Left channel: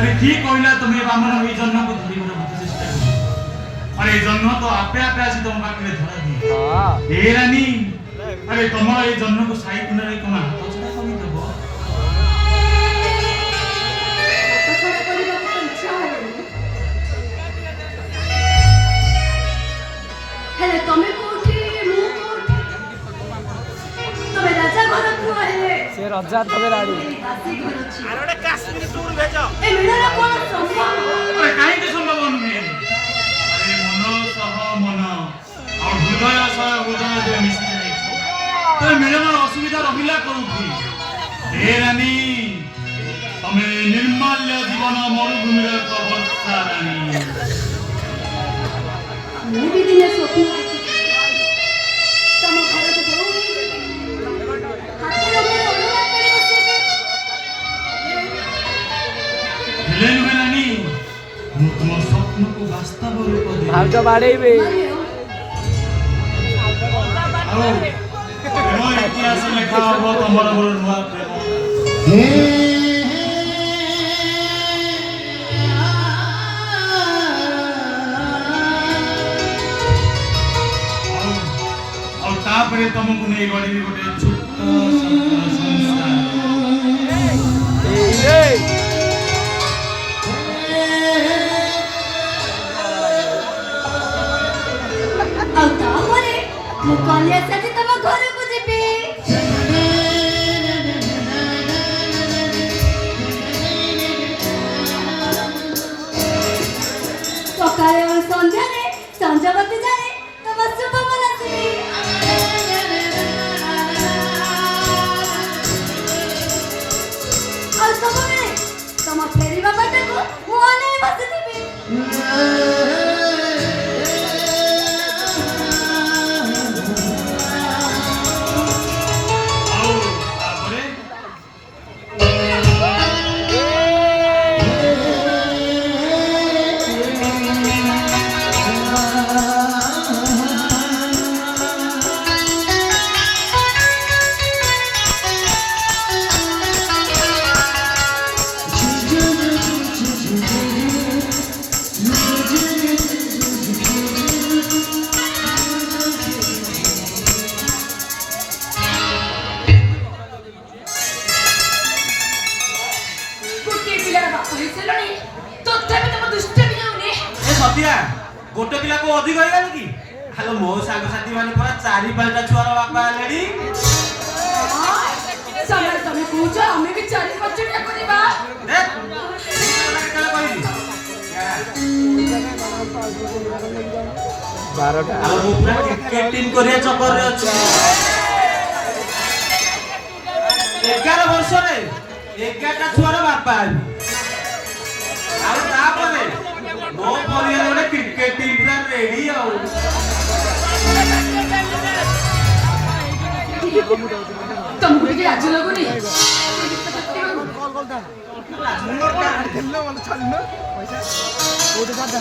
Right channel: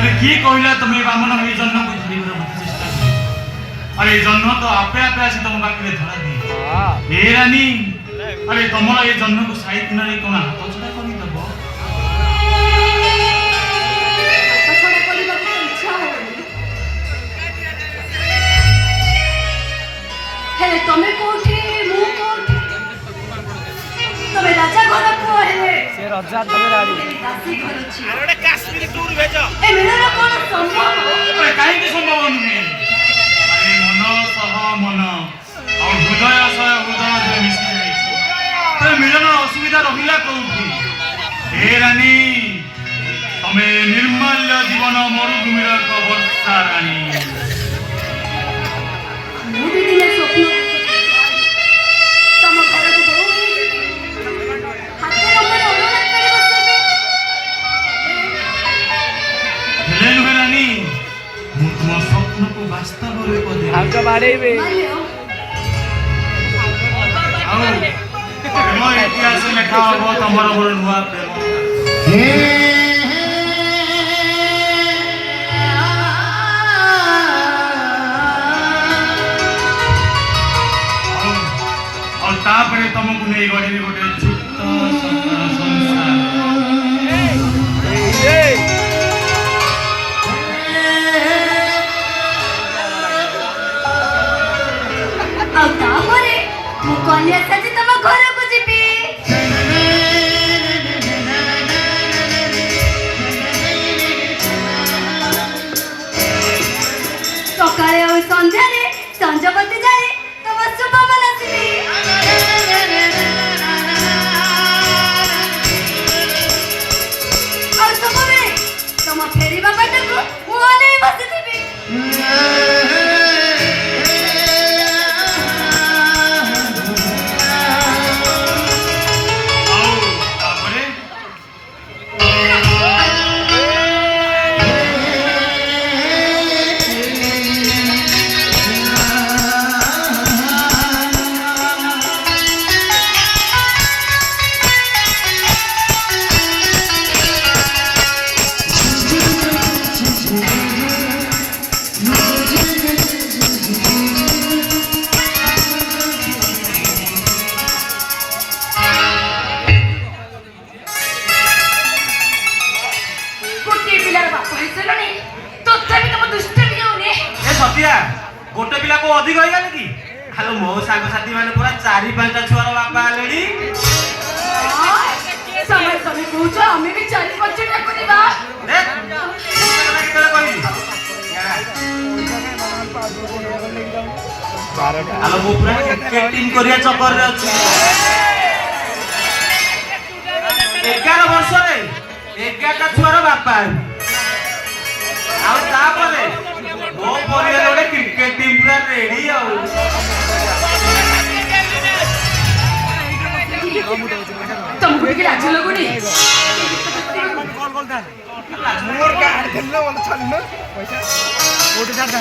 अरे की कहला तुम्हें बामन ये जन्म को धरिबार मत चेष्टा कर। अरे जन्म तो आपे आपे आसी तुम पाखे धरा दी ए रानी। अरे तुमर ये जन्म को साई दिन रे कोन हाथ छडा करि दबो हाथ छडा करिबा को इच्छा होनी हेले तमे कोठी मु कोठी तमे राजा घर को हेले से राजा तबे राडी दासी घर छी अरे काश्मीर टूर भेजो ए मिलना कोन संभव अरे काहे के संभव नुहे। अरे मन सह मन और हृदय सह हृदय जे मिसी जाई तो मिलन असुविधा रहिला कोठी ए रानी। तमे निर्मल्य जीवन मरुभूमिर वर्षा रानी। मु भी दिने स्वप्न तम घर को बोल हाथे ऊपर अनुराग करे बसे हेले नुहे रानी मु तुम स्वप्न को वास्तव रूप दे आका बाड़ेबे मानियो आओ प्रेम इतिहास लेखा हो तमर मोर नुआ प्रेम और तापरे तुमको नहीं गड़ी गोटे छोट संसार मु कलिया साजी तम घर को जीबी सकाळे और संध्या रे संजवती जाए तम शुभ मनसिबी और सबरे तम फेरीबा बाटे को मोने बसिबी गोटे पिला को अधिक हो गया कि हेलो मो सांग साथी माने पूरा 4-5टा छुआर बापा लेडी समय समय पूछ हमें भी 4-5टा करिबा देख केला केला कहि हेलो मो पूरा क्रिकेट टीम करिया चक्कर रे अछि 11 वर्ष रे 11टा छुआर बापा आउ ता परे मो परिवार गोटे क्रिकेट टीम पूरा रेडी आउ तुमको एक लाज लगुनी कॉल कॉल दे मोर का खेलना वाला चल में ओटे जा दे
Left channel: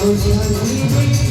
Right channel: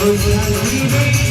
Oh,